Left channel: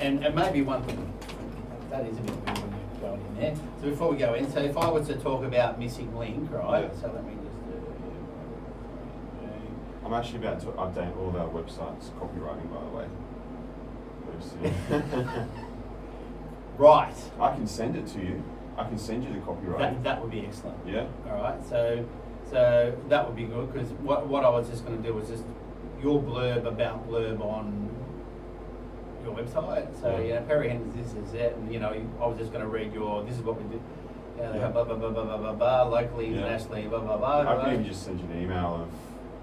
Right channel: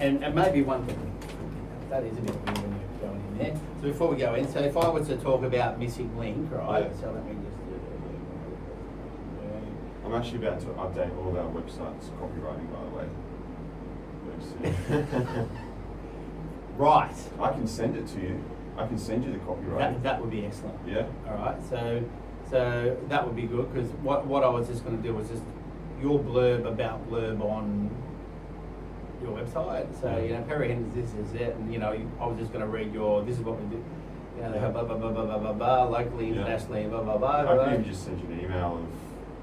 and maybe one thing, that is a bit weird when you're going in there. So before we go in, so if I was to talk about missing link, right? Yeah. So let me just I'm actually about to update all of our websites, copywriting, by the way. Very soon. Right. I can send it to you. I can send you the copywriting. That would be excellent. Yeah. All right. So that would be good, because what I was just going to do was just your blurb on your website. So you know, Perry Henderson, this is it, and you know, I was just going to read this is what we do. You know, blah, blah, blah, blah, blah, blah, blah, locally, internationally, blah, blah, blah. I can even just send you an email of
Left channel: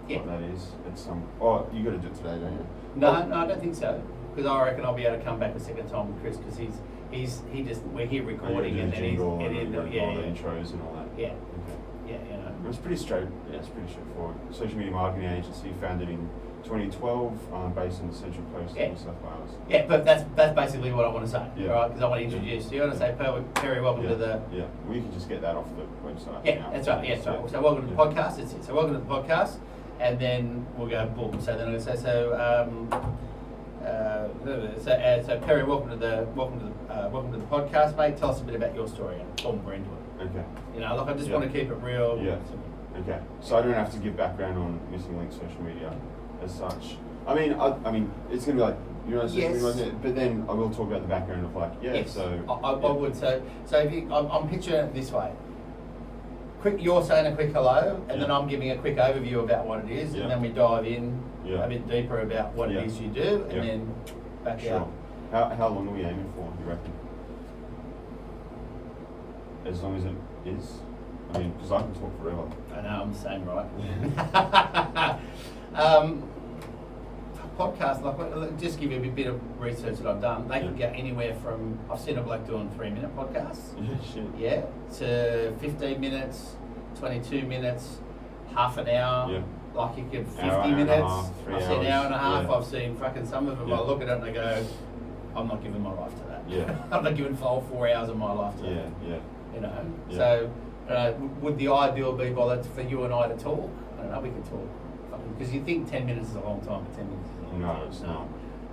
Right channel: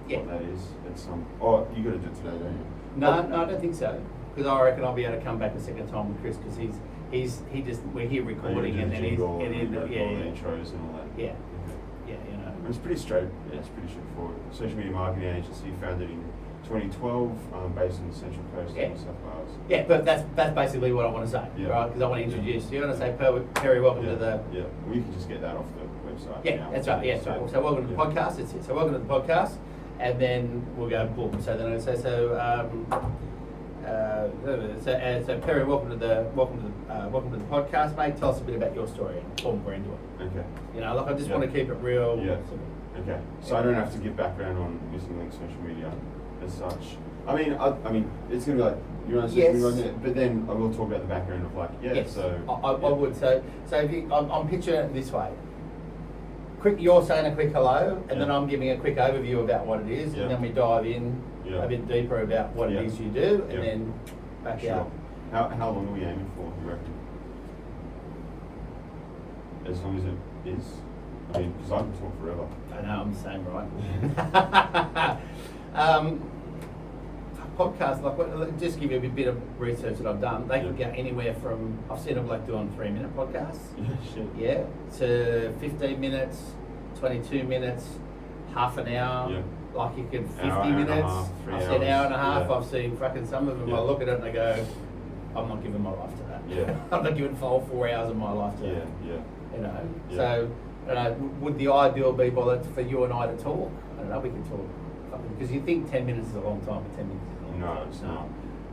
what that is. It's oh, you got to do it today, don't you? No, I don't think so. Because I reckon I'll be able to come back a second time with Chris, because we're here recording and then all the yeah, intros and all that. Yeah. Okay. Yeah, you know. It's pretty straightforward. Social media marketing agency founded in 2012, based in the Central Coast of New South Wales. Yeah, but that's basically what I want to say, right? Because I want to introduce. You want to say, Perry, welcome to the. Yeah, well, you can just get that off the website. Yeah, now. that's right. Yeah, that's right. So welcome to the podcast. That's it. So welcome to the podcast, and then we'll go boom. So then I'll say so Perry, welcome to the podcast, mate. Tell us a bit about your story and boom, we're into it. Okay. You know, look, I just want to keep it real. Yeah. Okay. So I don't have to give background on Missing Link social media as such. I mean, it's gonna be like but then I will talk about the background of So I would. So if I'm picturing it this way. You're saying a quick hello, and then I'm giving a quick overview about what it is, and then we dive in a bit deeper about what it is you do, and then back out. How long are we aiming for, you reckon? As long as it is? I mean, because I can talk forever. I know, I'm the same, right? Podcast, like, just give you a bit of research that I've done. They can get anywhere from, I've seen a bloke doing 3-minute podcasts. Yeah, to 15 minutes, 22 minutes, half an hour. Yeah. Like you can 50 hour minutes. and a half, 3 I've seen an hour and a hours. half. I've seen fucking some of them. I look at it and I go, I'm not giving my life to that. Yeah. I'm not giving 4 hours of my life to that. Yeah. You know. Yeah. So, would the ideal be for you and I to talk? I don't know. We can talk. Because you think 10 minutes is a long time, but 10 minutes is a long time. No, it's not.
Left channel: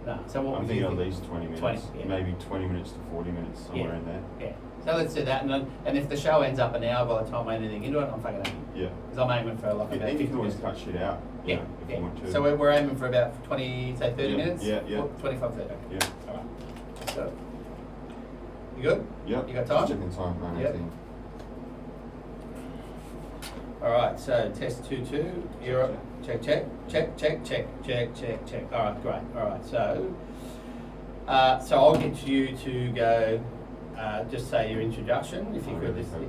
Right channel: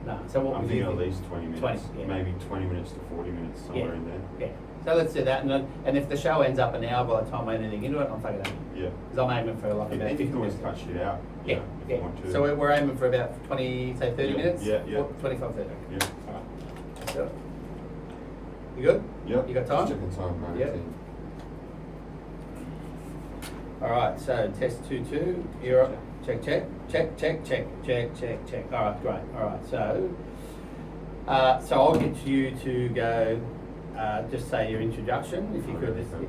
No. So what I'm would you thinking think? at least 20 minutes. 20, Maybe 20 minutes to 40 minutes, somewhere in there. Yeah. So let's do that, and if the show ends up an hour by the time I anything into it, I'm fucking happy. Yeah. Because I'm aiming for like about 50 you can always minutes. cut shit out. Yeah. If you want to. So we're aiming for about 20, say 30 minutes? Yeah. 25, 30. Okay. Yeah. All right. Let's do it. You good? Yep. You got time? Checking time, 9:18. Yep. All right, so test 2. You're up. Check. All right, great. All right, so I'll get you to go. Just say your introduction, if you could. Just. And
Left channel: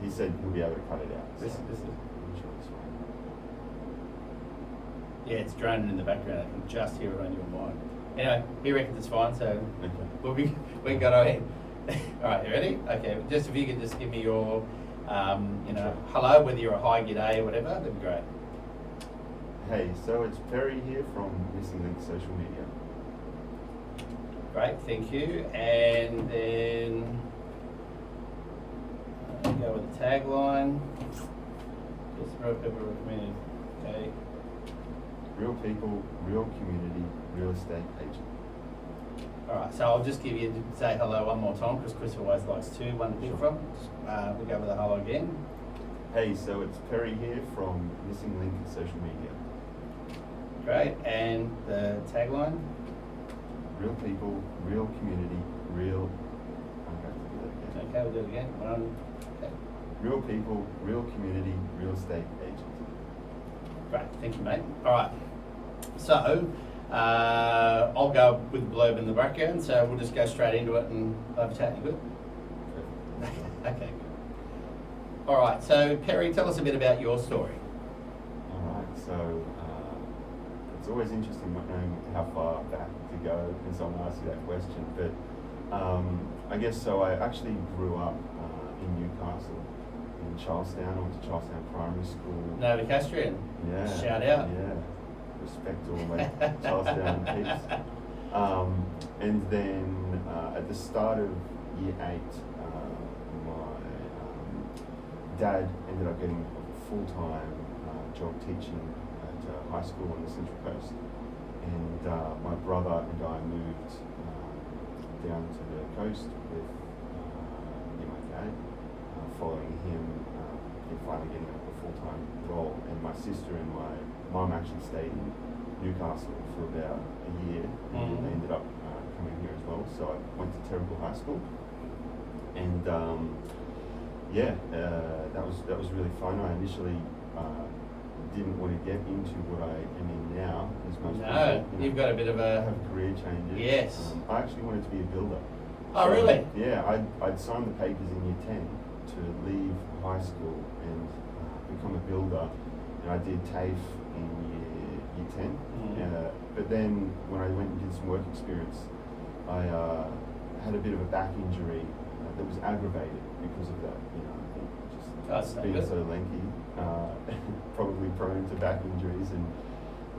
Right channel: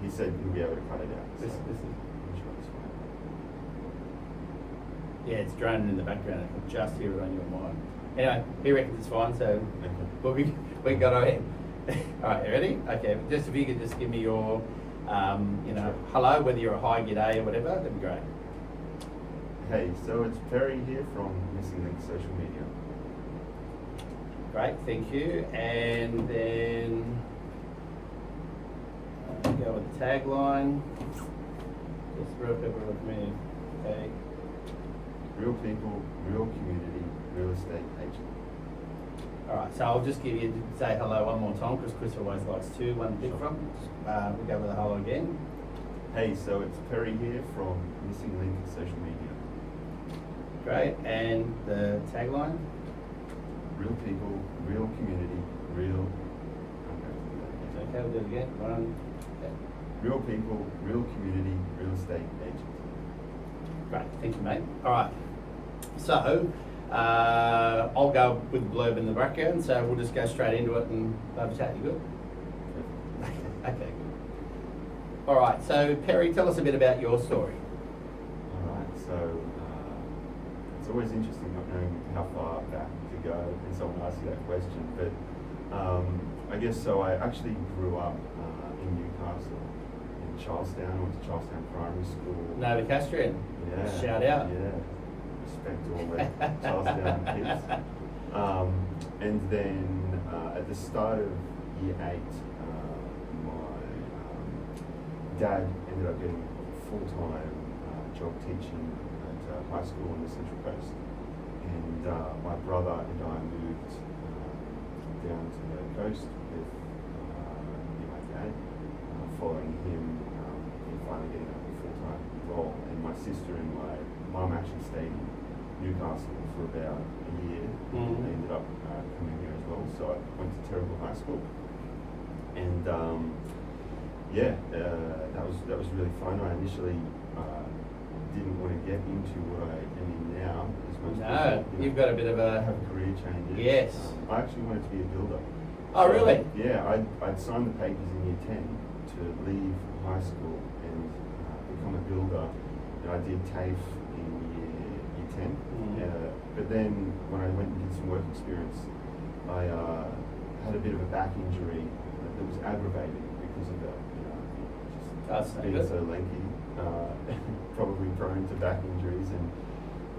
he said he'll be able to cut it out. This so. is. I'm sure it's fine. Yeah, it's droning in the background. I can just hear it on your mic. Anyway, he reckons it's fine, so we can go ahead. All right, you ready? Okay, just if you could just give me your, hello, whether you're a hi, g'day, or whatever, that'd be great. Hey, so it's Perry here from Missing Link Social Media. Great, thank you. And then go with the tagline. Just real people with me. Okay. Real people, real community, real estate agent. All right, so I'll just give you say hello one more time because Chris always likes to one to pick from. We'll go with a hello again. Hey, so it's Perry here from Missing Link Social Media. Great, and the tagline? Real people, real community, real. Okay, we'll do it again. Real people, real community, real estate agent. Great, thank you, mate. All right, so I'll go with the blurb in the background, so we'll just go straight into it and have a chat. You good? Okay, good. All right, so Perry, tell us a bit about your story. All right, so it's always interesting not knowing how far back to go when someone asks you that question, but I guess so. I actually grew up in Newcastle, in Charlestown. I went to Charlestown Primary School. Novocastrian. Yeah. Shout out. Yeah. Respect to all my Charlestown kids. And then at the start of year 8, my dad ended up getting a full-time job teaching at high school on the Central Coast. And my brother and I moved down to the coast with my dad, following him in finally getting a full-time role. And my sister and my mum actually stayed in Newcastle for about a year. Mm-hmm. They ended up coming here as well. So I went to Terrible High School, and that was really fun. I initially didn't want to get into what I am in now, as most people. You've got a bit of a have career changes. Yes. I actually wanted to be a builder. Oh, really? Yeah, I'd signed the papers in year 10 to leave high school and become a builder. And I did TAFE in year 10. Mm. But then when I went and did some work experience, I had a bit of a back injury that was aggravated because of that. Just being so lanky, probably prone to back injuries, and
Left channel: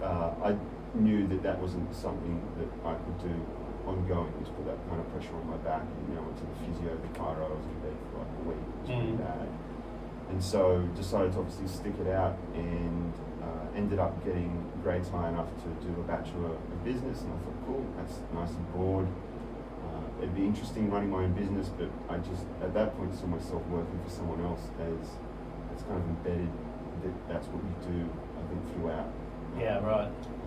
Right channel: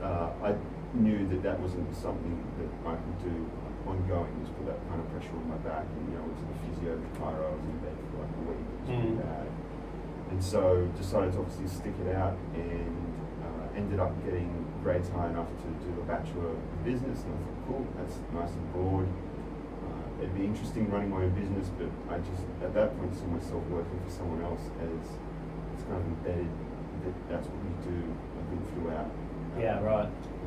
I knew that wasn't something that I could do ongoing. Just put that kind of pressure on my back, and went to the physio, the chiro. I was in bed for like a week. It was pretty bad, and so decided to obviously stick it out, and ended up getting grades high enough to do a Bachelor of Business, and I thought, cool, that's nice and broad. It'd be interesting running my own business, but I just, at that point, saw myself working for someone else as it's kind of embedded that that's what we do, I think, throughout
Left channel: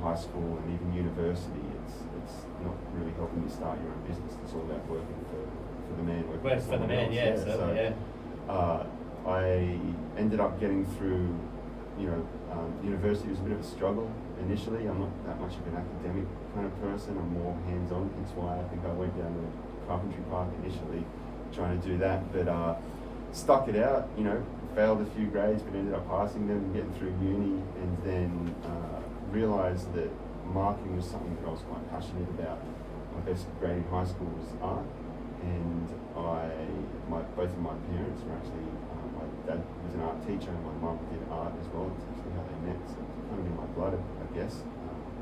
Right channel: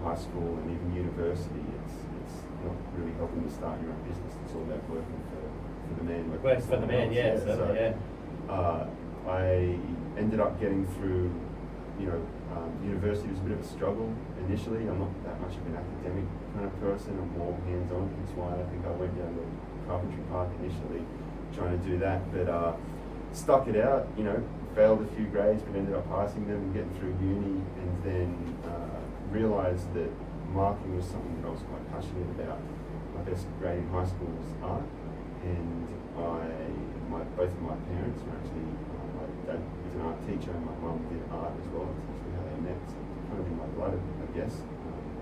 high school and even university. It's not really helping you start your own business. It's all about working for the man. Work for the man, I ended up getting through, university was a bit of a struggle initially. I'm not that much of an academic kind of person. I'm more hands-on. That's why I think I went down the carpentry path initially, trying to do that. But stuck it out, failed a few grades, but ended up passing them and getting through uni. And then realised that marketing was something that I was quite passionate about. My best grade in high school was art, and both of my parents were actually, my dad was an art teacher and my mum did art as well. That's actually how they met, so it's kind of in my blood, I guess,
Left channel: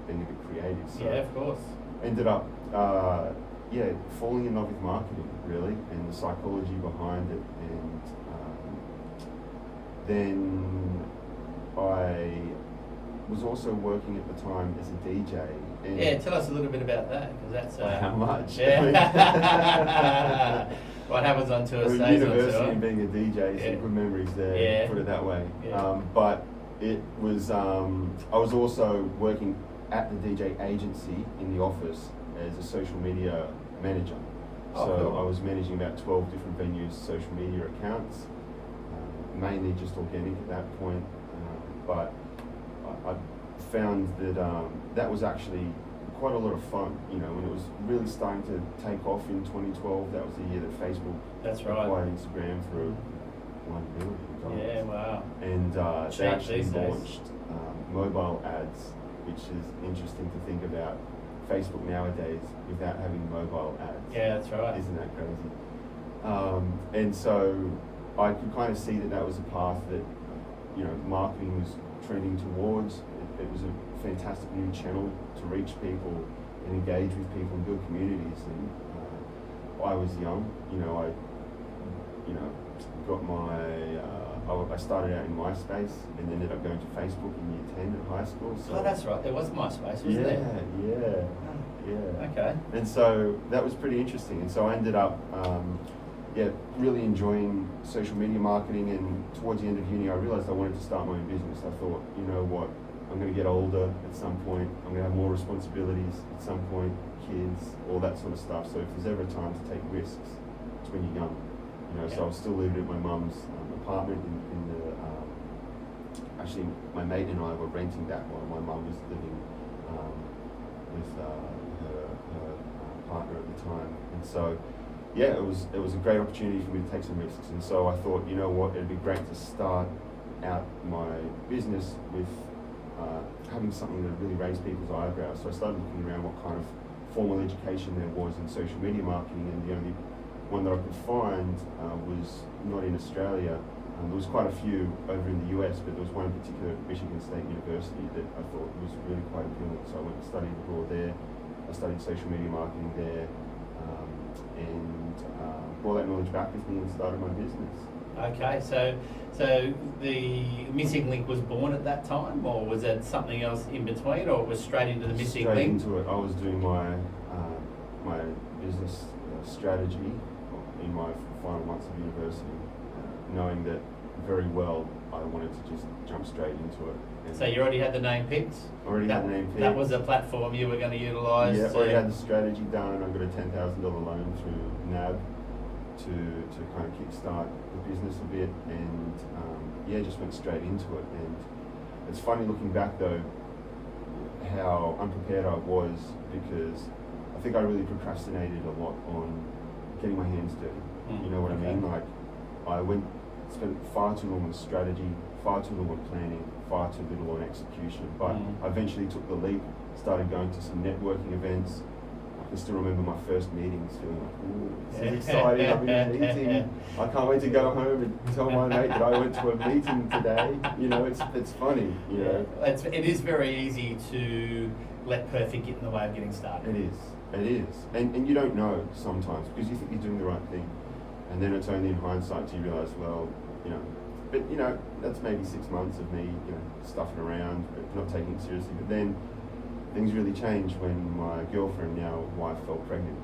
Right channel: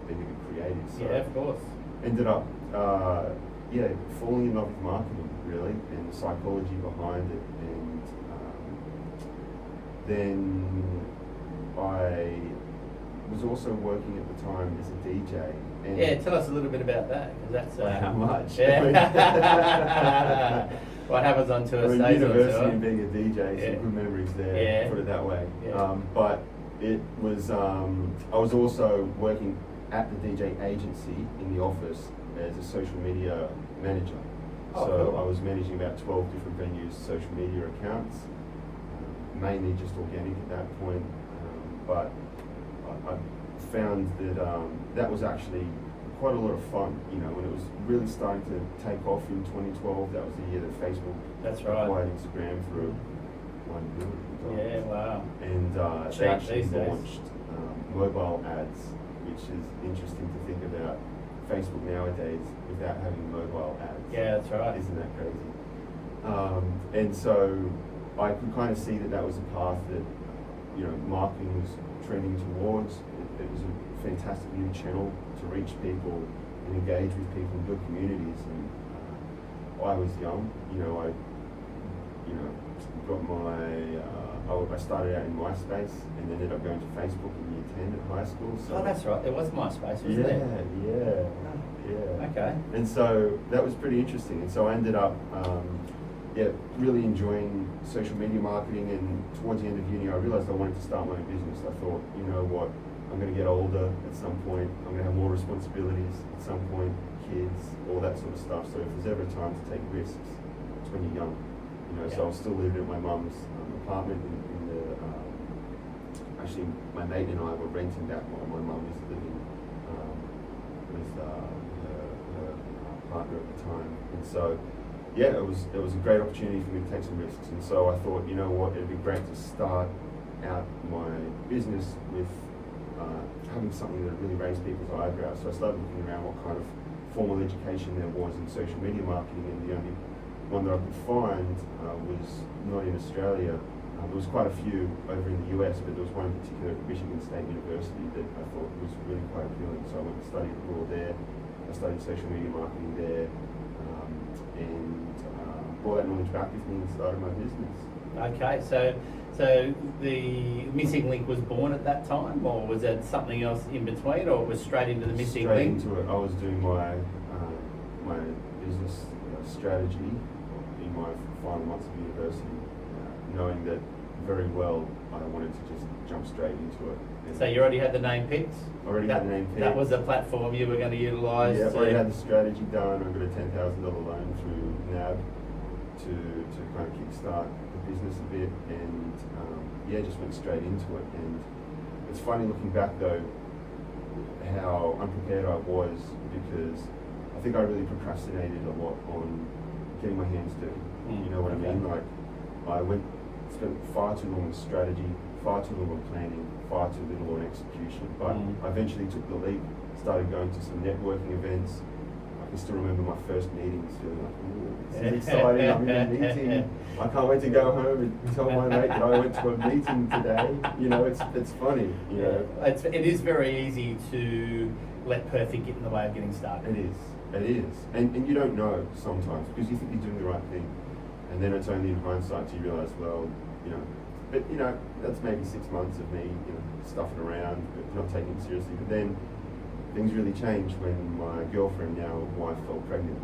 being a bit creative. So yeah, of course. Ended up, falling in love with marketing, really, and the psychology behind it. And then I was also working at the time as a DJ. And yeah, tell us a little bit about that, because that's how much. Yeah. What happens on tour stays on university tour. and being a DJ, some good memories there. Put it that way. But it was. I was also working at the DJ agency in the office as a social media manager. Oh, so cool. I was managing about 12 different venues' social media accounts, mainly just organic at that point. But I found that that was actually quite a lot of fun. When it was really starting to take off in 2012, that was the year that Facebook acquired Instagram for $1 billion. Yeah, wow. And they actually launched mobile ads, which is interesting to think about. Facebook nowadays without having mobile ads. Yeah, that's right. Isn't that crazy? And so I could kind of see that was a path that marketing was trending towards. It was a fantastic new channel to reach people and engage with people and build communities. And I was young, I got my. I started out in MySpace and ended up going to Facebook in year 10 at high school. So that's right. There was MySpace, wasn't there? Yeah. Okay. And so that was pretty interesting. And so I ended up, really enjoying social media marketing. And towards the end of uni, I realized I wanted to start my own business. I thought, you know what, I'm going to get older at some point. I'm going to have more responsibilities at some point, kids, all that sort of stuff. So if there's ever a time to take risks, it's when you're young. So I was still living at my mum's apartment in the. Actually, my mate and I were renting that while my mum was living with her partner at the time. And so, it was a great opportunity for me to take some risks. And so I thought, you know what, it'd be great to start out my business with having something that really raised people's eyebrows. So I started looking around what kind of formal education there was in social media marketing, and the only one that I could find was not in Australia. There was quite a few over in the US, but there was one in particular at Michigan State University that I thought was really quite appealing. So I went and studied abroad there. I studied social media marketing there. and brought that knowledge back with me and started my business. Okay, so the missing link was born at that time, or was it something else in between, or it was straight into the missing Straight link? into it. I was doing my business strategy in my final months of university, knowing that very well I wanted to just jump straight into it. And So you already had the name picked? already had the name picked. That was the platform you were going to utilise? Yeah, already had the strategy done. I got a $10,000 loan through NAB to kind of kickstart the business a bit, and just went straight into it. And it's funny looking back though, how unprepared I was, because I think I really procrastinated a lot on getting my hands dirty. You know what I mean? Like, I spent far too long on strategy, far too long on planning, far too little on execution. But I eventually took the leap, started going to some networking events. I can still remember my first meetings, feeling like, ooh, this is exciting, I'm in a meeting. I can't wait to go home and tell my mate that I went to a meeting today. You know, it's funny, you know. It is very easy to let perfect get in the way of getting started. It is. And you don't know sometimes, because you think you're doing the right thing. And then it's only in hindsight do you realise, well, you know, but you know, that's maybe 6 months of me, you know, stuffing around, but not taking it seriously. But then things really changed when my girlfriend, now wife, fell pregnant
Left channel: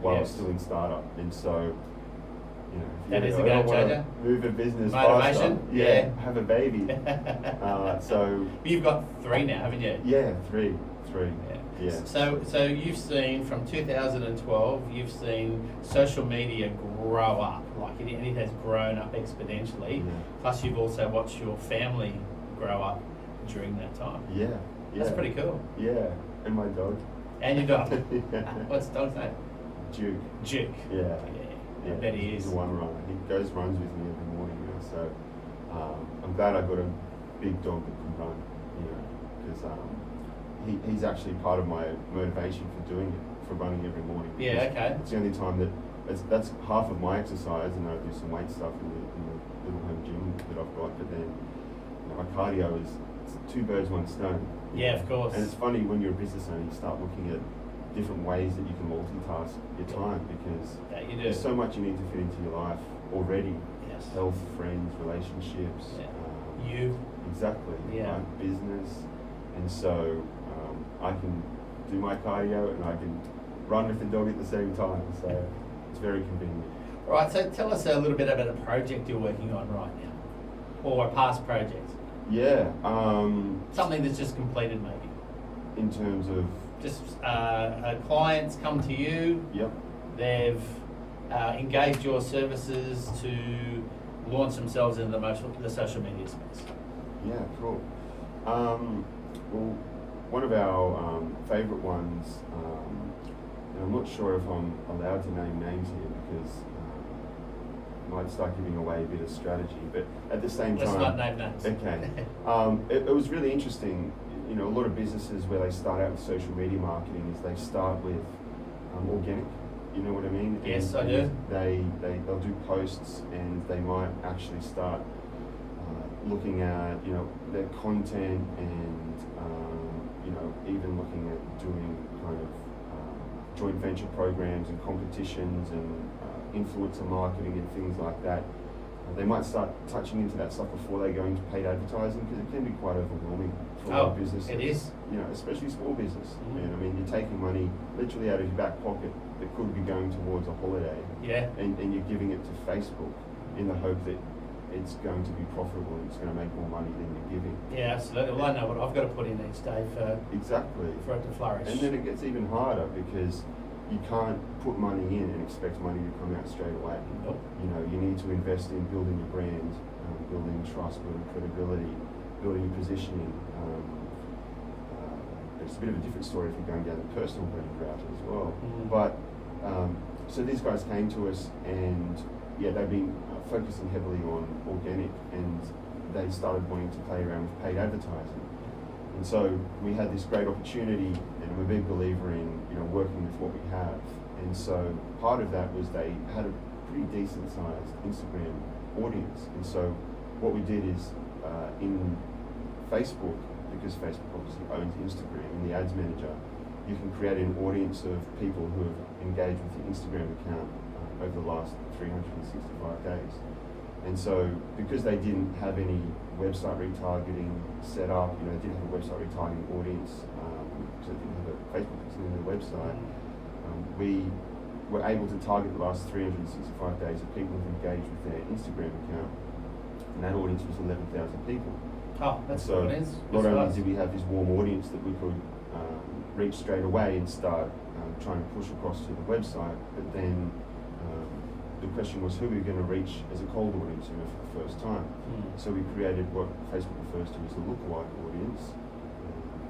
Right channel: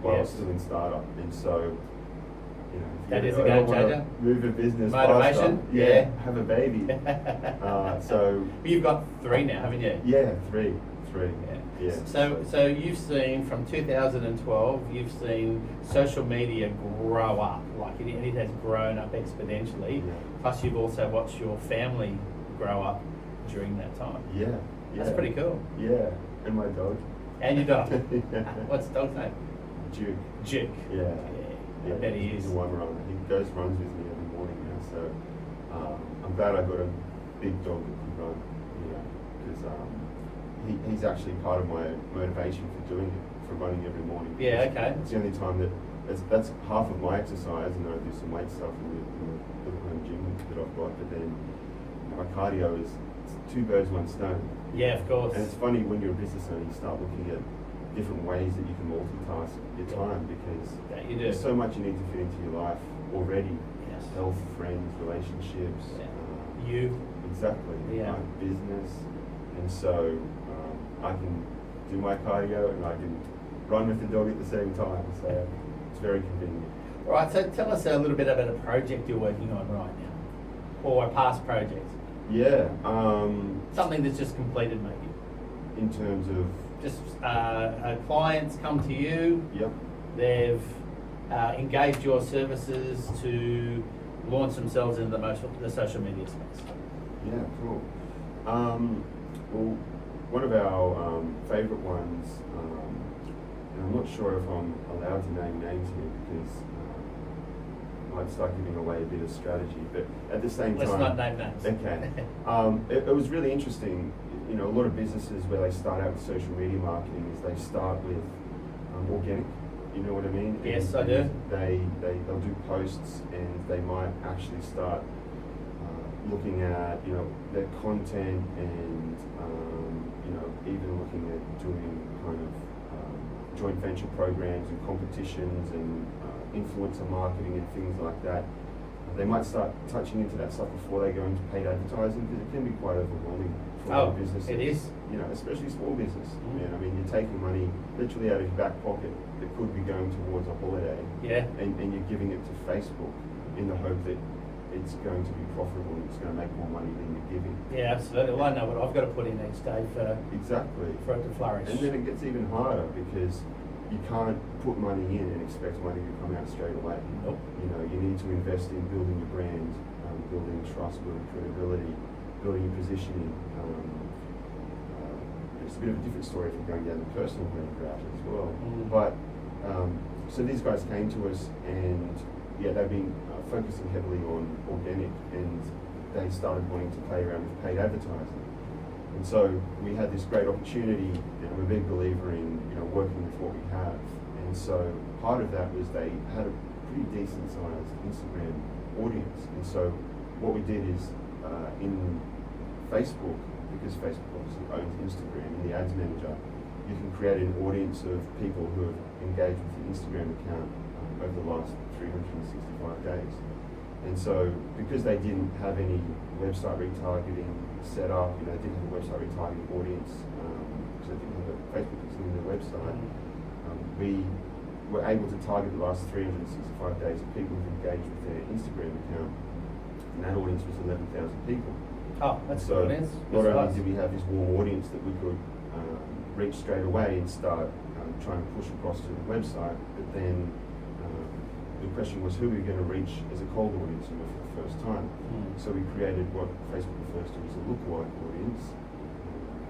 while I was still in startup. And so, you know, that is a game changer. Move a business Motivation, faster, have a baby. So you've got 3 now, haven't you? Yeah, three. Yeah. So you've seen from 2012, you've seen social media grow up, like it has grown up exponentially. Yeah. Plus, you've also watched your family grow up during that time. Yeah. That's pretty cool. Yeah, and my dog. And your dog. Yeah. What's the dog's name? Duke. Duke. Yeah. I bet he is. He's a one runner. He runs with me every morning now. So I'm glad I got a big dog that can run. You know, because he's actually part of my motivation for doing it, for running every morning. Yeah. Okay. It's the only time that's half of my exercise, and then I do some weight stuff in the little home gym that I've got. But then my cardio is 2 birds, 1 stone. Yeah, of course. And it's funny when you're a business owner, you start looking at different ways that you can multitask your time, because you do. there's so much you need to fit into your life already. Yes. Health, friends, relationships. You. Exactly. Yeah. Right? Business. And so I can do my cardio and I can run with the dog at the same time. So it's very convenient. All right, so tell us a little bit about a project you're working on right now, or a past project. Yeah. Something that's just completed, maybe. In terms of? Just clients come to you. Yep. They've engaged your services to launch themselves in the social media space. Yeah, cool. Well, one of our favourite ones, and I'm not sure if I'm allowed to name names here, because might start giving away a bit of strategy, but at the same time... Let's not name names. Okay. It was really interesting. You know, a lot of businesses where they start out with social media marketing is they start with organic. You know what I mean? Yes, and I do. They'll do posts, and they might actually start looking at, you know, their content, and you know, even looking at doing kind of joint venture programs and competitions and influencer marketing and things like that. They might start touching into that stuff before they go into paid advertising, because it can be quite overwhelming for a lot of businesses. It is. You know, especially small business. And I mean, you're taking money literally out of your back pocket that could be going towards a holiday. Yeah. And you're giving it to Facebook in the hope that it's going to be profitable and it's going to make more money than you're giving. Yeah, absolutely. Well, I know what I've got to put in each day for it to flourish. And then it gets even harder, because you can't put money in and expect money to come out straight away. Nope. You know, you need to invest in building your brand, building trust, building credibility, building your positioning. It's a bit of a different story if you're going down the personal brand route as well. But so these guys came to us, and they've been focusing heavily on organic, and they started wanting to play around with paid advertising. And so we had this great opportunity, and I'm a big believer in, you know, working with what we have. And so part of that was they had a pretty decent sized Instagram audience. And so what we did is in Facebook, because Facebook obviously owns Instagram, in the ads manager, you can create an audience of people who have engaged with your Instagram account over the last 365 days. And so, because they didn't have any website retargeting set up, you know, didn't have a website retargeting audience, so they didn't have a Facebook pixel in their website, we were able to target the last 365 days of people who've engaged with their Instagram account, and that audience was 11,000 people. Oh, that's So good. not only did we have this warm audience that we could reach straight away and start trying to push across to the website, but then the question was who we were going to reach as a cold audience, you know, for the first time. So we created what Facebook refers to as a lookalike audience,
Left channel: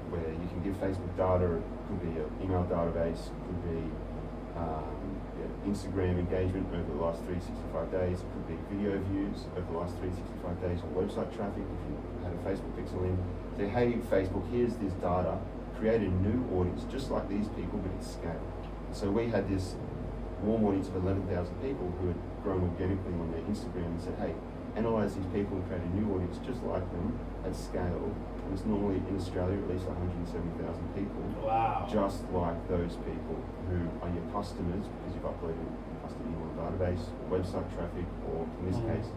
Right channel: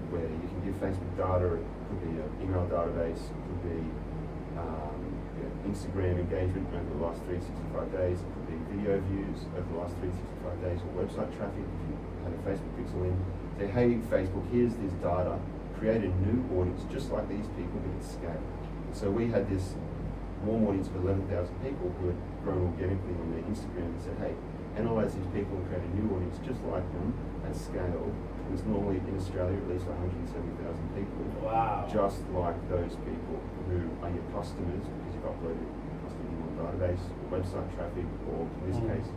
where you can give Facebook data. It could be an email database, it could be Instagram engagement over the last 365 days, it could be video views over the last 365 days, or website traffic if you had a Facebook pixel in. Say, hey Facebook, here's this data, create a new audience just like these people, but at scale. So we had this warm audience of 11,000 people who had grown organically on their Instagram and said, hey, analyze these people and create a new audience just like them at scale. And it's normally in Australia at least 170,000 people. Wow. Just like those people who are your customers because you've uploaded your custom email database or website traffic, or in this case,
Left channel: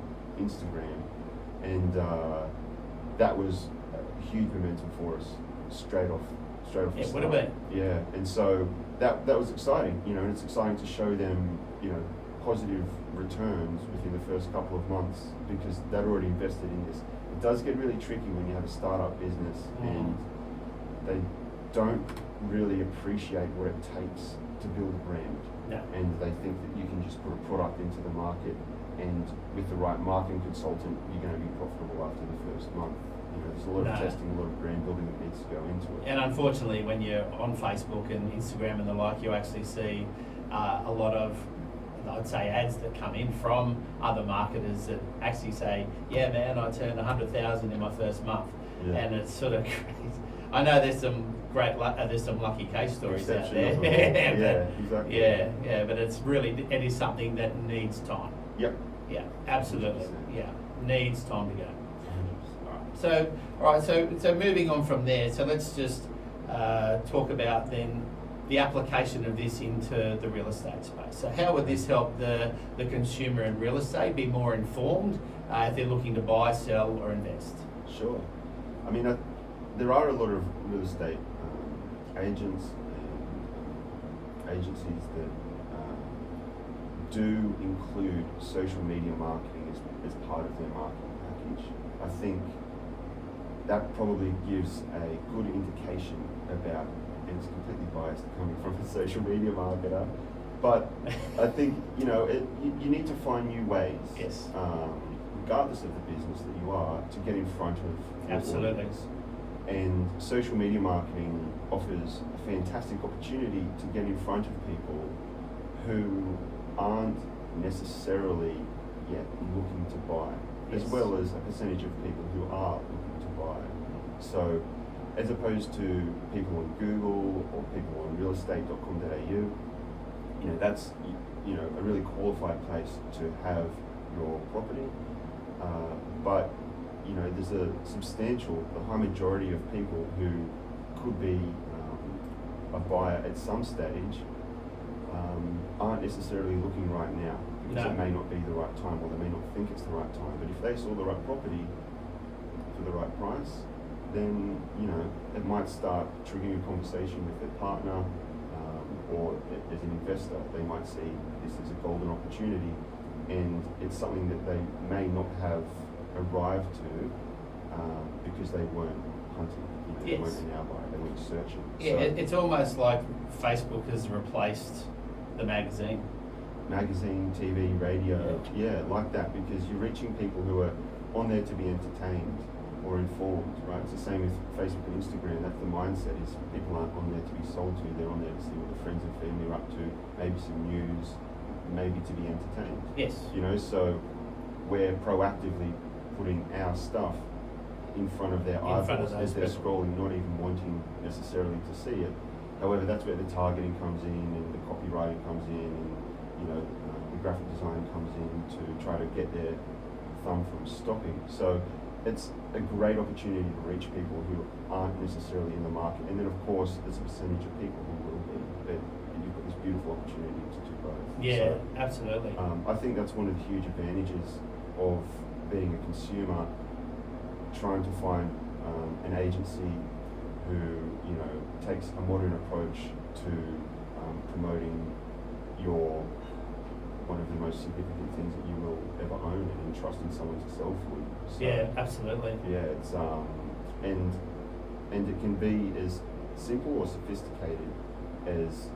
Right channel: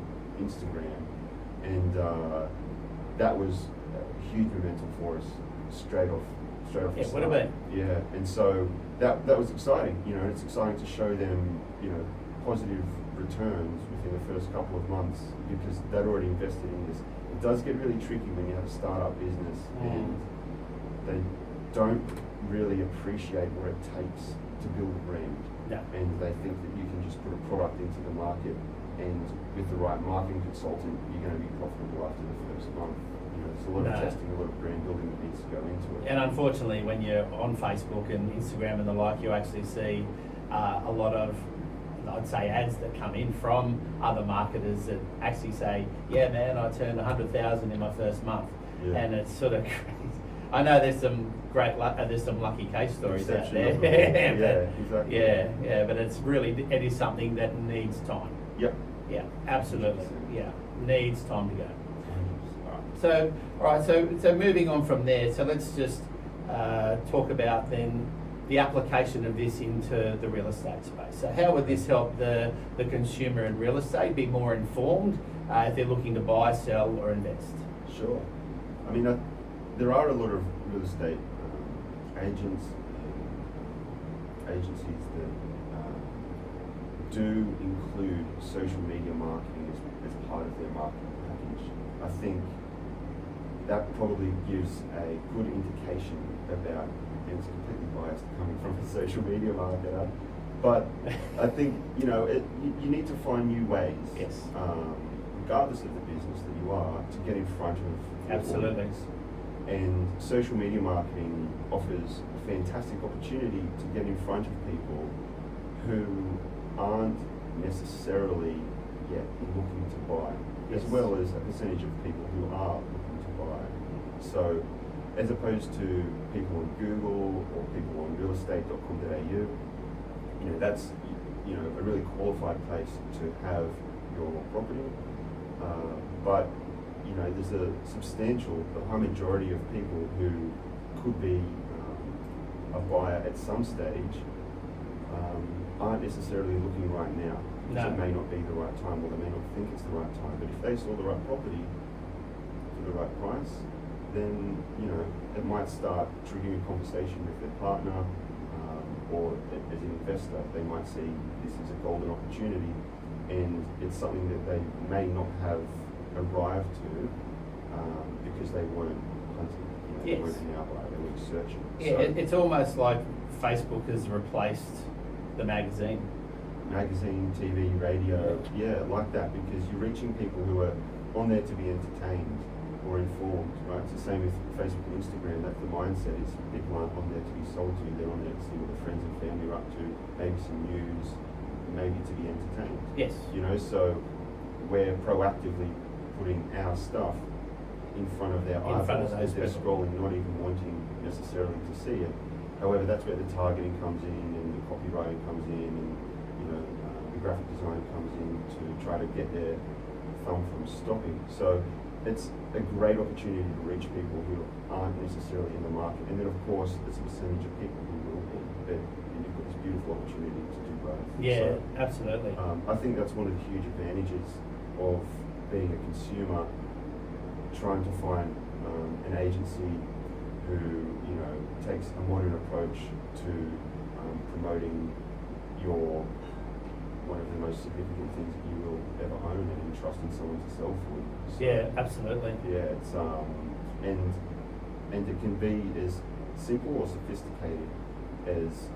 Instagram. And that was a huge momentum for us straight off the It would have start. been. Yeah, and so that was exciting, you know, and it's exciting to show them, you know, positive returns within the first couple of months because they'd already invested in this. It does get really tricky when you have a startup business and they don't really appreciate what it takes to build a brand. No. And they think that you can just put a product into the market and with the right marketing consultant, you're going to be profitable after the first month. You know, there's a lot of testing, a lot of brand building that needs to go into it. And unfortunately, when you're on Facebook and Instagram and the like, you actually see a lot of, I'd say, ads that come in from other marketers that actually say, yeah man, I turned 100,000 in my first month. Yeah. And it's sort of crazy. I know there's some there's some lucky case stories out there. Yeah, exactly. Yeah, but it is something that needs time. Yep. Yeah, absolutely. 100%. Yeah, needs time to go. So moving on from there, so let's just talk about then the application of this into the real estate space. So how would this help the consumer in real estate be more informed if they're looking to buy, sell, or invest? Sure. I mean, there are a lot of real estate agents and agencies that do include social media marketing as part of their marketing package. I think that probably gives a good indication about, and it's completely biased coming from a social media marketer, but I think, you know, you need to find new ways, Yes. Regardless of the business that you are, to get in front of your Absolutely. audience. And social media marketing offers a fantastic opportunity to get in front of people who aren't necessarily yet looking to buy, Yes. as well as a percentage of people who are looking to buy. So, as opposed to people on Google or people on realestate.com.au, you know, that's, you know, a really qualified place to have your property. But you know, there's the high majority of people who could be a buyer at some stage aren't necessarily looking right now because No. it may not be the right time, or they may not think it's the right time. But if they saw the right property for the right price, then, you know, it might start triggering a conversation with their partner, or as an investor, they might see this as a golden opportunity, and it's something that they may not have arrived to because they weren't hunting. You know, Yes. They weren't an outlier, they weren't searching. Yeah, it's almost like Facebook has replaced the magazine. Magazine, TV, radio, yeah, like that, because you're reaching people who are on there to be entertained or informed, right? It's the same with Facebook and Instagram. That's the mindset, is people aren't on there to be sold to, they're on there to see what their friends and family are up to, maybe some news, maybe to be entertained. Yes. You know, so we're proactively putting our stuff in front of their In front of eyeballs those as they're people. scrolling, not even wanting necessarily to see it. However, that's where the targeting comes in, and the copywriting comes in, and, you know, the graphic design comes in to try to get their thumb from stopping. So it's a great opportunity to reach people who aren't necessarily in the market, and then of course there's a percentage of people who will be, but you've got this beautiful opportunity to do both. Yeah, So, absolutely. I think that's one of the huge advantages of being a consumer, trying to find an agency who, you know, takes a modern approach to promoting your one of the most significant things that you will ever own, and entrusting someone to sell for you. So, Yeah, absolutely. yeah, it's and it can be as simple or sophisticated as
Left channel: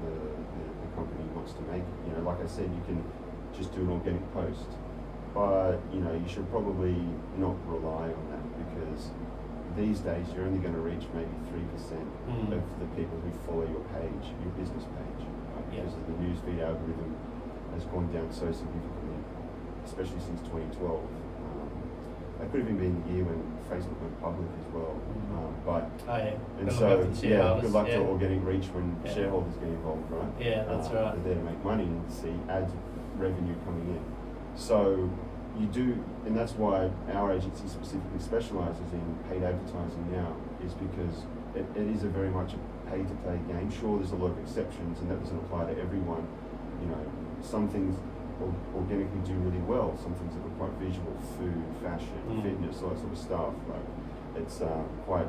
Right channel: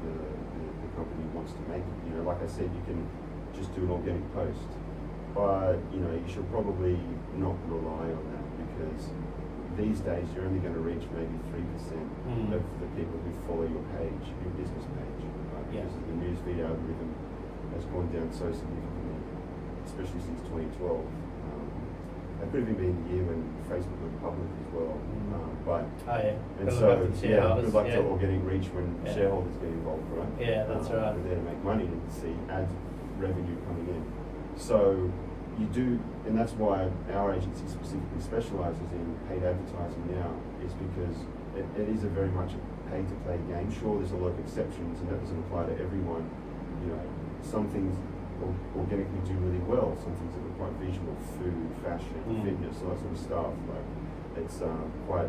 the company wants to make it. You know, like I said, you can just do an organic post, but you know, you should probably not rely on that, because these days you're only going to reach maybe 3% of the people who follow your page, your business page, right? Yeah. Because the newsfeed algorithm has gone down so significantly, especially since 2012. That could have even been the year when Facebook went public as well. But Oh yeah. and Good so luck with the yeah, shareholders, good luck yeah. to organic reach when Yeah. shareholders get involved, right? Yeah, that's right. They're there to make money and see ad revenue coming in. So you do, and that's why our agency specifically specialises in paid advertising now, is because it is a very much a pay-to-play game. Sure, there's a lot of exceptions, and that doesn't apply to everyone. You know, some things organically do really well. Some things that are quite visual, food, fashion, fitness, all that sort of stuff. Like it's quite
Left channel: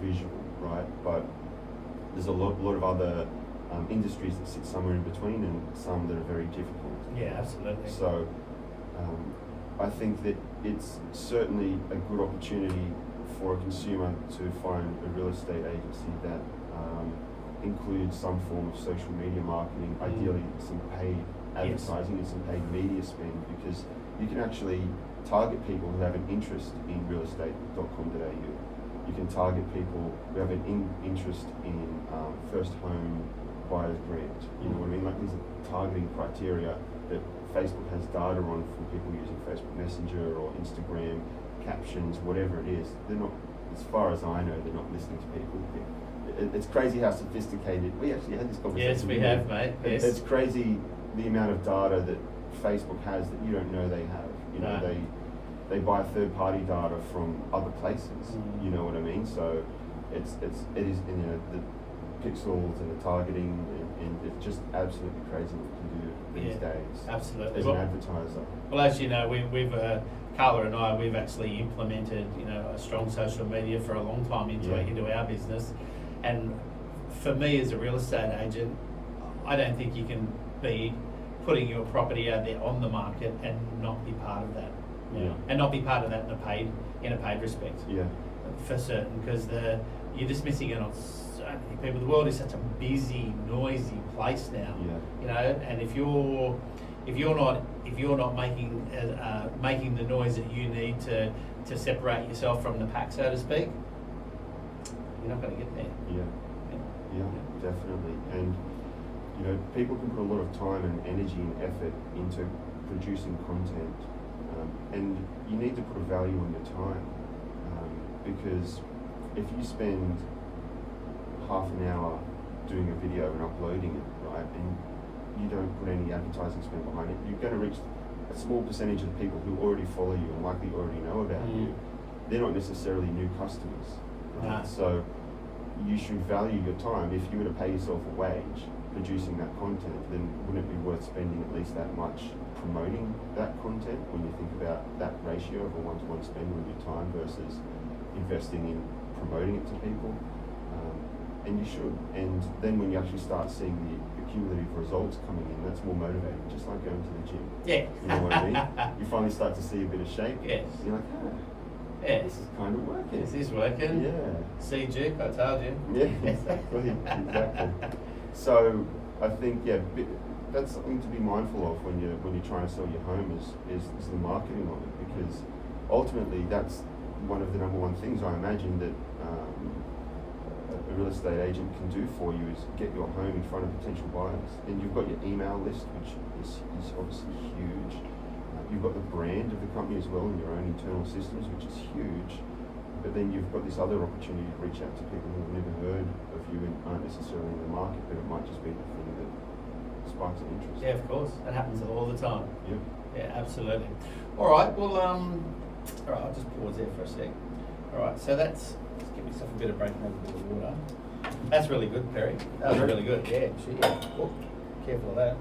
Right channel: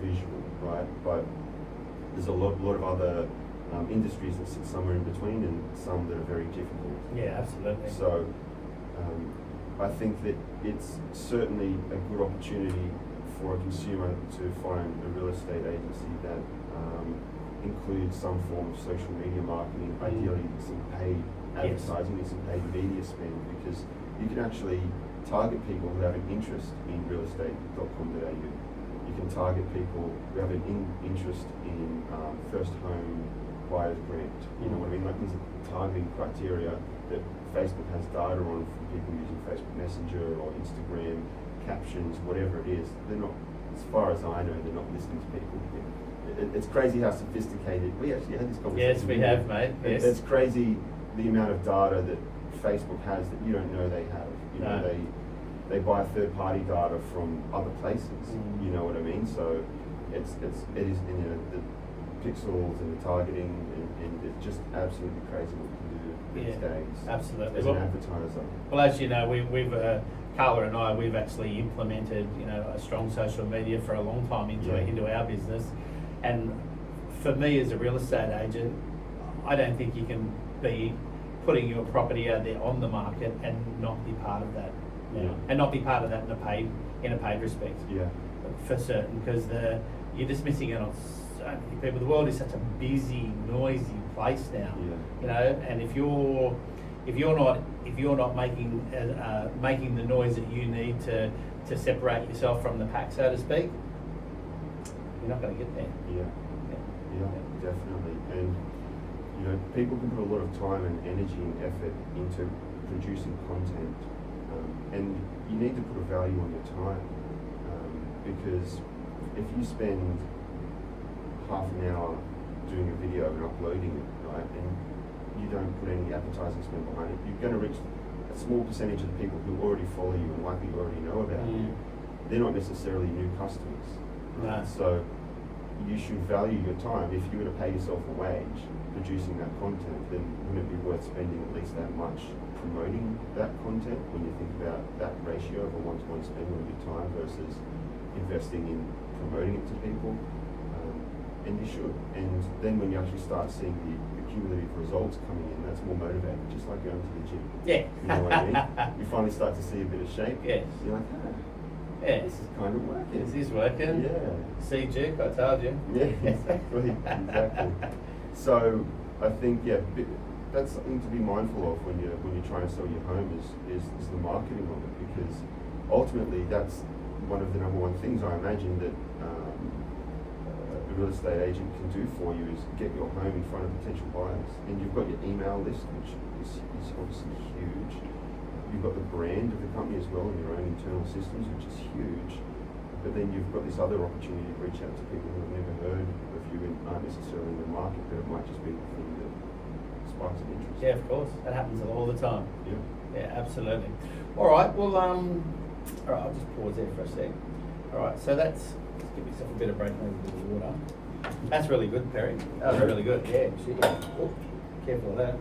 visual, right? But there's a lot of other industries that sit somewhere in between, and some that are very difficult. Yeah, absolutely. So I think that it's certainly a good opportunity for a consumer to find a real estate agency that includes some form of social media marketing, ideally some paid advertising and some paid media spend, because you can actually target people who have an interest in realestate.com.au. You can target people who have an interest in first home buyer's grant. You know what I mean? Like, these are targeting criteria that Facebook has data on from people using Facebook Messenger or Instagram captions, whatever it is. They're not, as far as I know, they're not listening to people. It's crazy how sophisticated. We actually had this conversation. Yes, we have, mate. Yes. It's crazy the amount of data that Facebook has that you don't know they have. You know, they buy third-party data from other places. You know what I mean? So it is, you know, the pixels and the targeting, and it's just absolutely crazy what you can do these days. Absolutely. As an advertiser. Well, as you know, we've Carla and I, we've actually implemented, you know, a strong social media for a long time into our business. And for me as a real estate agent, I don't think you can be putting your property out there on the market and not be part of that. And not be part of that in a paid respect. Yeah. For certain, because you're just missing out on so many people. The world is such a busy, noisy place now. You know, and if you're not making the noise that you need to separate yourself from the pack, so to speak, you're not going to get there. Yeah, definitely. And you know, people can put a lot of time and energy and effort into producing content, and you need to put a value on your time, because if you spend half an hour doing a video and uploading it, right, and you don't put any advertising spend behind it, you're going to reach a small percentage of the people who already follow you and likely already know about you. They're not necessarily new customers, right? So you should value your time. If you were to pay yourself a wage producing that content, then wouldn't it be worth spending at least that much promoting that content, when you think about that ratio of a one-to-one spend on your time versus investing in promoting it to people? And you should. And then when you actually start seeing the cumulative results coming in, that's more motivating, just like going to the gym. Yeah. You know what I mean? You finally start to see a bit of shape. Yes. You're like, this is kind of working. This is working. Yeah. See, Duke, I told you. Yeah, exactly. So I think, that's something to be mindful of when you're trying to sell your home is the marketing of it, because ultimately that's one of the number one things I imagine that a real estate agent can do for you, is get your home in front of potential buyers. And you've got your email list, which is obviously huge. You've got the brand of the company as well, and your own internal systems, which is huge. But then you've got this other opportunity to reach out to people who have never heard of you and aren't necessarily in the market, but it might just be the thing that sparks an interest. Yeah, of course. That happens all the time. Yep. Yeah, absolutely. All right. Well, All right, I'll just pause there for a sec. All right, so let's give myself a bit of break and have a bit of water. That's really good, Perry. That was really good. Yeah, shit, yeah. Oh, careful of that.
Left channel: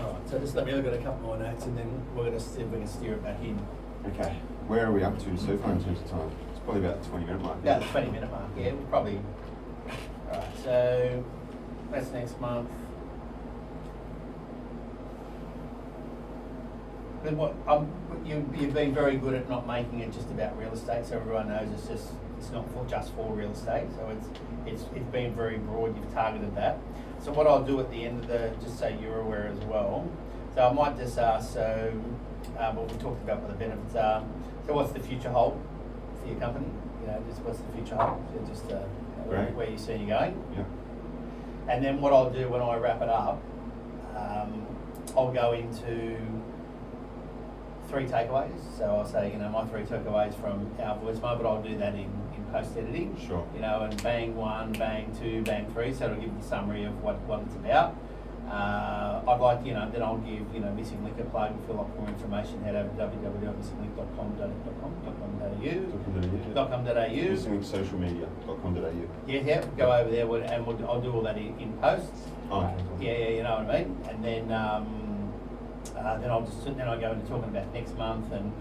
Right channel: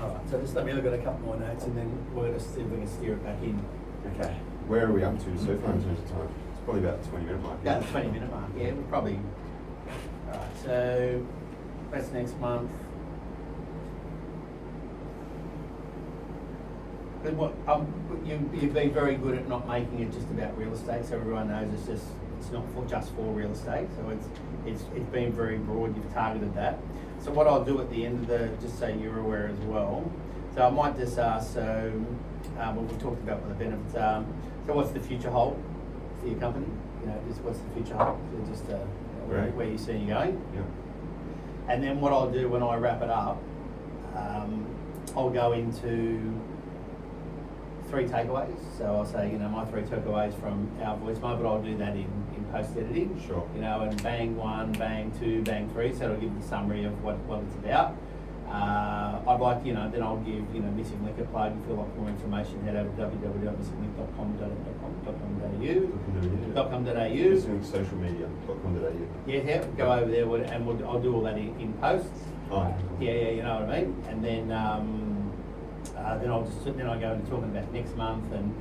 All right, so just let me look at a couple more notes and then we're going to see if we can steer it back in. Okay. Where are we up to so far in terms of time? It's probably about the 20-minute mark. About the 20-minute mark, yeah, we'll probably. All right, so that's next month. Good. You've been very good at not making it just about real estate, so everyone knows it's not just for real estate. So it's been very broad. You've targeted that. So what I'll do at the end of just so you're aware as well. So I might just ask. So what we talked about what the benefits are. So what's the future hold for your company? You know, just what's the future hold? So just where you see you going. Yeah. And then what I'll do when I wrap it up, I'll go into 3 takeaways. So I'll say, you know, my 3 takeaways from our voicemail, but I'll do that in post editing. Sure. You know, and bang 1, bang 2, bang 3. So it'll give you the summary of what it's about. I'd like, you know, then I'll give, you know, Missing Link a plug. If you'd like more information, head over to www.missinglink.com.au. Missinglinkssocialmedia.com.au. Yeah, go over there and I'll do all that in posts. Oh, okay, cool. Yeah, you know what I mean. And then I go into talking about next month, and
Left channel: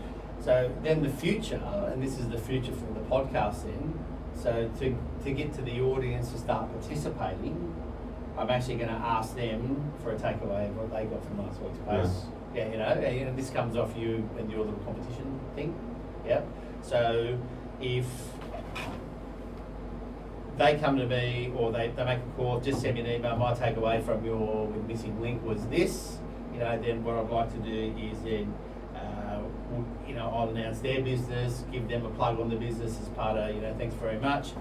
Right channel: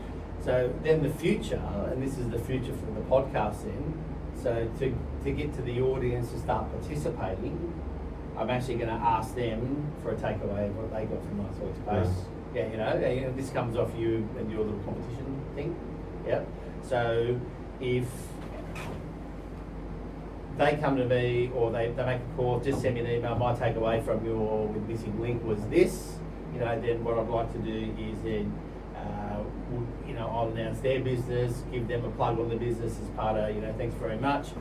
so then the future, and this is the future for the podcast. Then, so to get to the audience to start participating, I'm actually going to ask them for a takeaway of what they got from last week's post. Yeah, you know, this comes off you and your little competition thing. Yeah. So if they come to me or they make a call, just send me an email. My takeaway from your Missing Link was this. You know, then what I'd like to do is then, you know, I'll announce their business, give them a plug on the business as part of, you know, thanks very much.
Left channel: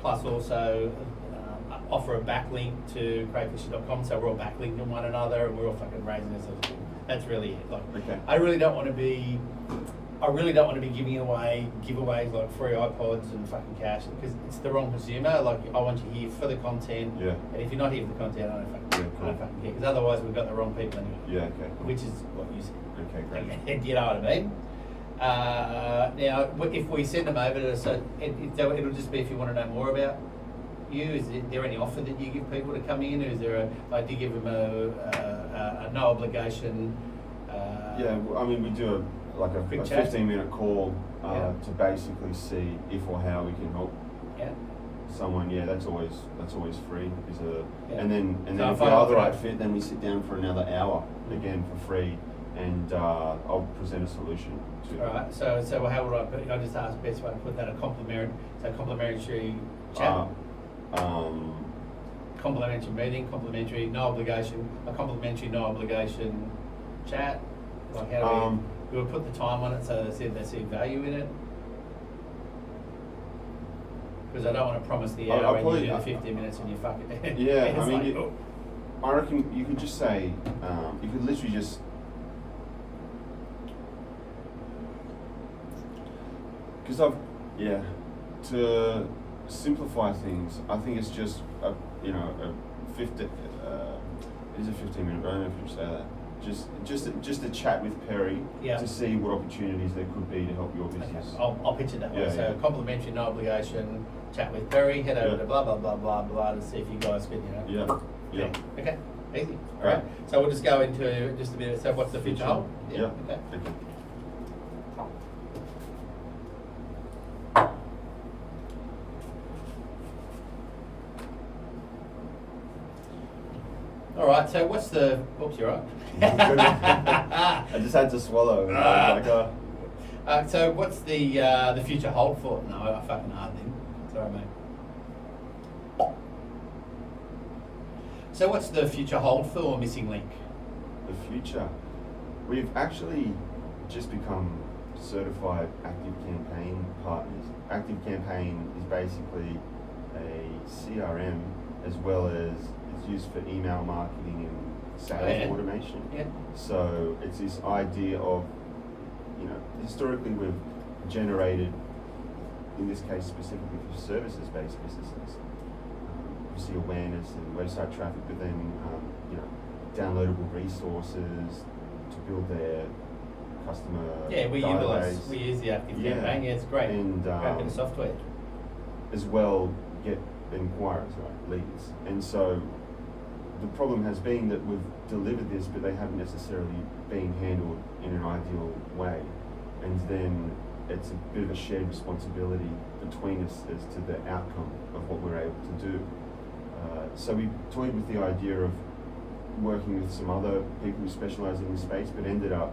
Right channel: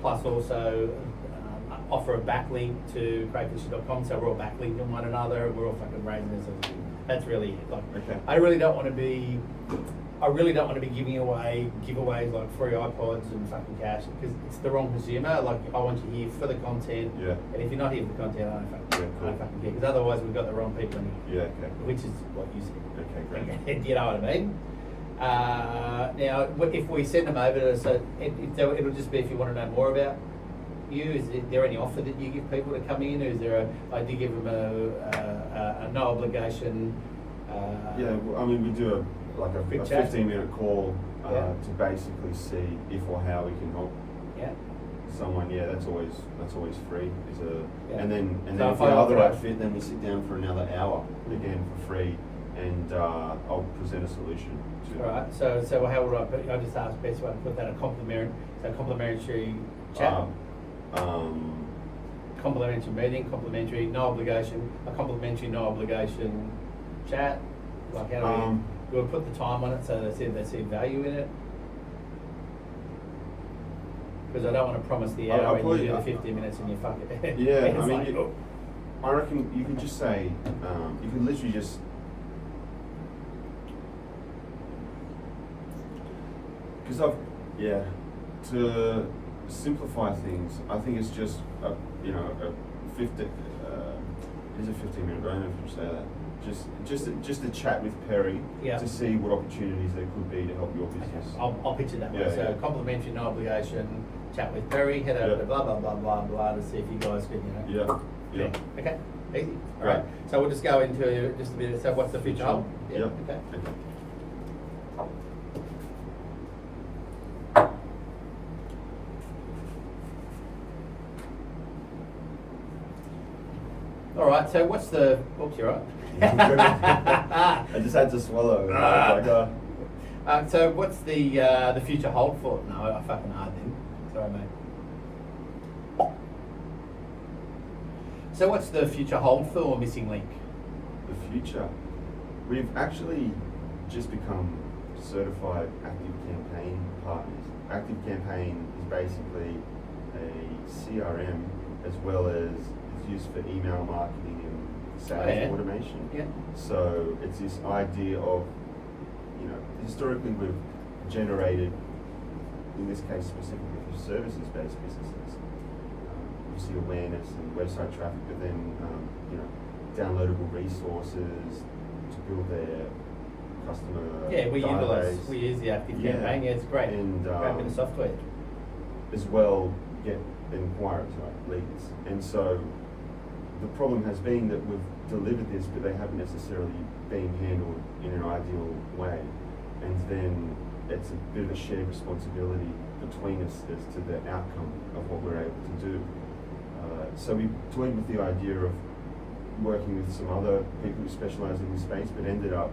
Plus also offer a backlink to crayfisher.com, so we're all backlinked on one another and we're all fucking raising this. That's really it. Like, okay. I really don't want to be giving away giveaways like free iPods and fucking cash, because it's the wrong consumer. Like, I want you here for the content. Yeah. And if you're not here for the content, I don't fucking care, because otherwise we've got the wrong people anyway. Yeah, okay. Cool. Which is what you said. Okay, great. You know what I mean? Now, if we send them over to us, it'll just be if you want to know more about you. Is there any offer that you give people to come in? Or is there I do give them a no obligation? Yeah, I mean, we do a 15-minute call to basically see if or how we can help someone. Yeah, that's always free. And then So if we are the right fit, then we sit down for another hour again for free, and I'll present a solution to. All right. So how would I put? I just asked best way to put that. A complimentary chat. Complimentary meeting, complimentary no obligation, a complimentary no obligation chat. Like, how do we put the time on it so they see value in it? Because I don't want to promise the hour and you do the 15 minutes and you fuck it. Yeah, I mean, I reckon you could just say, you could literally just. Because to simplify things, I think it's just a 15-minute. It is a 15-minute. I don't know if you say that. Just a chat with Perry to see what opportunities there could be to help your business. Okay. I'll pitch it that way. So complimentary, no obligation chat with Perry. Head over to blah blah blah blah blah to see if you guys could, you know. Yeah. Okay. Easy. All right. So we'll just go into just a bit. So what's the future hold? Yeah. Okay. All right. So what's the? Oops, you're right. I just had to swallow. So what's the future hold for? No, I fucking hard then. Sorry, mate. So what's the future hold for Missing Link? The future, we've actually just become certified Active Campaign partners. Active Campaign is basically a CRM as well as it's used for email marketing and sales automation. Yeah. So it's this idea of, historically we've generated, in this case specifically for services-based businesses, you see awareness and website traffic, but then downloadable resources to build their customer Yeah, we database. use the Active Yeah. Campaign. Yeah, it's great. And, Great bit of software. as well get inquiries, like leads. And so the problem has been that we've delivered this, but they haven't necessarily been handled in an ideal way. And then it's a bit of a shared responsibility between us as to the outcome of what we're able to do. So we toyed with the idea of working with some other people who specialise in this space, but ended up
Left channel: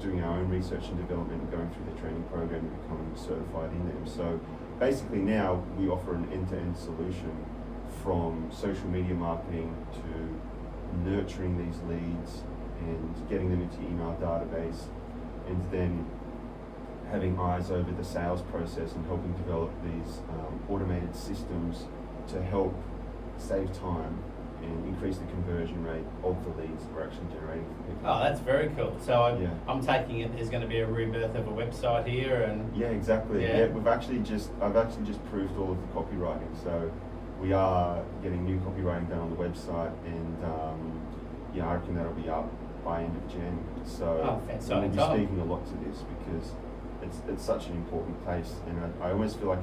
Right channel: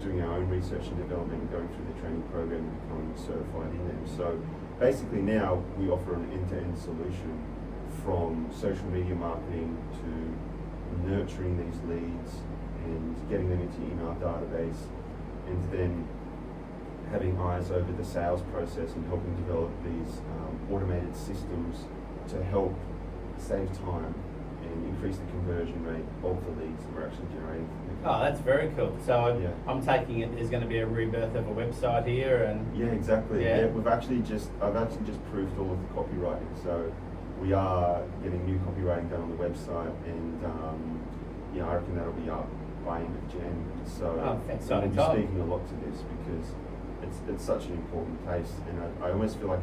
doing our own research and development and going through the training program and becoming certified in them. So basically now we offer an end-to-end solution from social media marketing to nurturing these leads and getting them into email database, and then having eyes over the sales process and helping develop these automated systems to help save time and increase the conversion rate of the leads that we're actually generating from people. Oh, that's very cool. So Yeah. I'm taking it there's going to be a rebirth of a website here, and Yeah, exactly. Yeah. I've actually just proofed all of the copywriting, so we are getting new copywriting done on the website, and yeah, I reckon that'll be up by end of Jan. So Oh, we'll exciting be time. speaking a lot to this because it's such an important place, and I almost feel like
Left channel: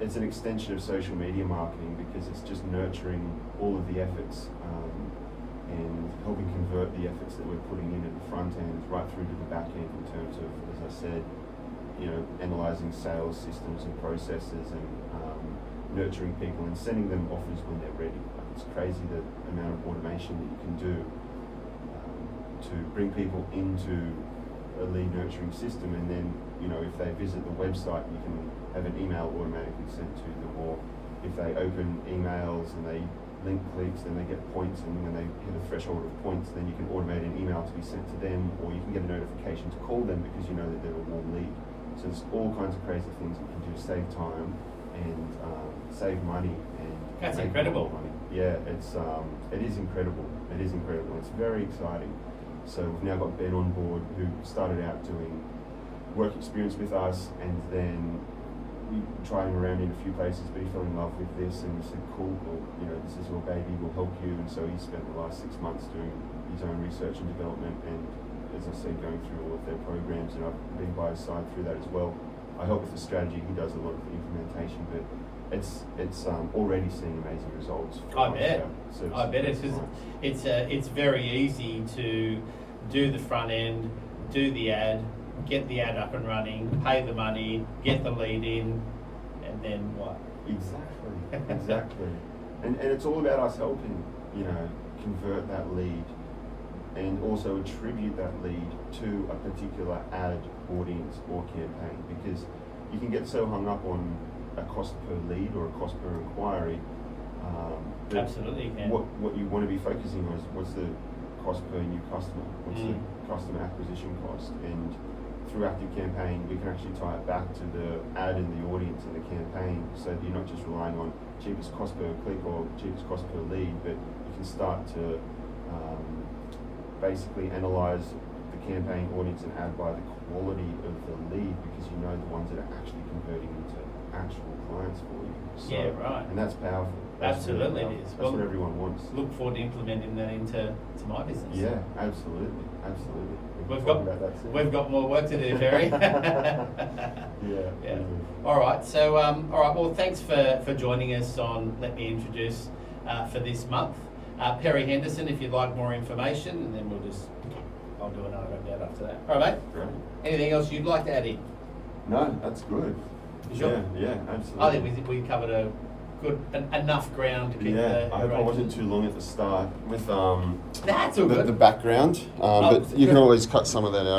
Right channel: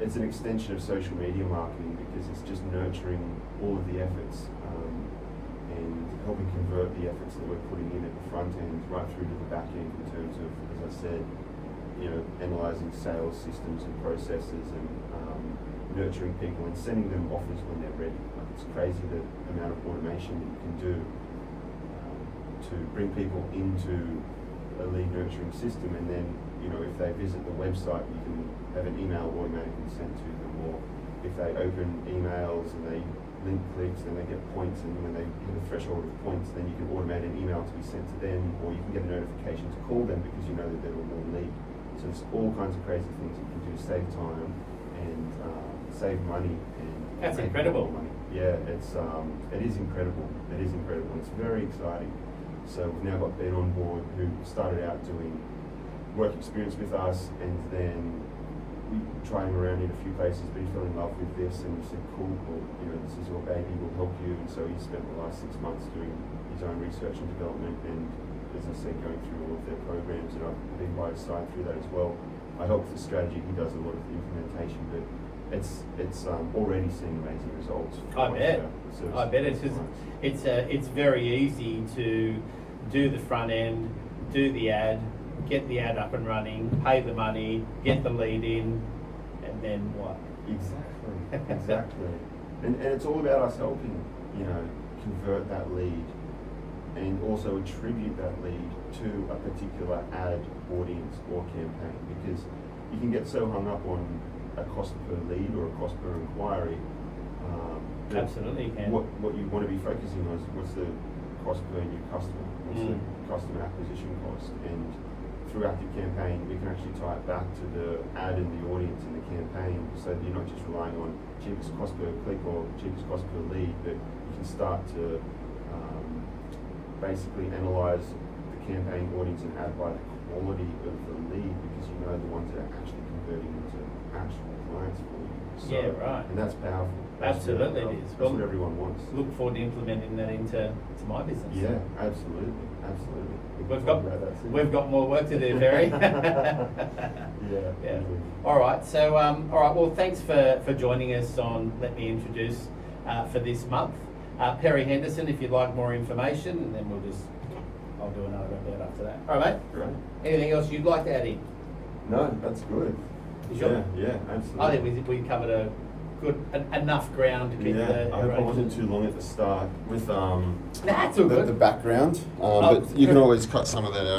it's an extension of social media marketing because it's just nurturing all of the efforts and helping convert the efforts that we're putting in at the front end right through to the back end in terms of, as I said, analysing sales systems and processes and nurturing people and sending them offers when they're ready. Like, it's crazy the amount of automation that you can do to bring people into a lead nurturing system, and then if they visit the website, you can have an email automatically sent to them, or if they open emails and they link clicks, then they get points, and when they hit a threshold of points, then you can automate an email to be sent to them, or you can get a notification to call them because you know that they're a warm lead. So there's all kinds of crazy things you can do to save time and save money and That's make incredible. more money. Yeah, it is incredible. It is incredible. It's very exciting. So we've now got Ben on board, who started out doing work experience with us, and then we tried him around in a few places, but he fell in love with this, and we said, cool, well, this is your baby, we'll help you. And so he spent the last 6 months doing his own research and development, and as I said, going through all of their programs, and I've been by his side through that as well. I help with the strategy, he does a lot of the implementation, but it's already seeing amazing results. I bet. It's very easy to do the front end, do the ad, get the ad up and running, pay the money, get the lead in, and then what? Exactly. And it's all about us helping, convert that lead and also attribute that lead to a particular ad, audience, or campaign, because you can get so hung up on a cost per lead or a cost per inquiry. Absolutely, you can. What you want to be focusing on is what's the cost per new customer, what's the customer acquisition cost, and through Active Campaign we can actually tie it back to the ad and the audience and the campaign, so that you're not just relying on cheapest cost per click or cheapest cost per lead, but you can start to basically analyze the campaign, audience, and ad by the quality of the lead, because you know the ones that are actually converting into actual clients for you. So, Yeah, right. And that's powerful. Absolutely really it is. That's Well, what everyone wants. Look forward to implementing that into my business. Yeah, absolutely. We can We've talk about that soon. got more work to do, Perry. Yeah. All right. So, Well, thanks for joining us on Let Me Introduce for this month. Perry Henderson, if you'd like more information, and then I'll do another about after that. All right, mate. Great. Anything else you'd like to add in? No, that's good. You sure? Yeah, absolutely. I think we covered enough ground to keep the. I hope I wasn't too long at the start with Nah, it's all good. the background, Oh, but you can always cut some of that out.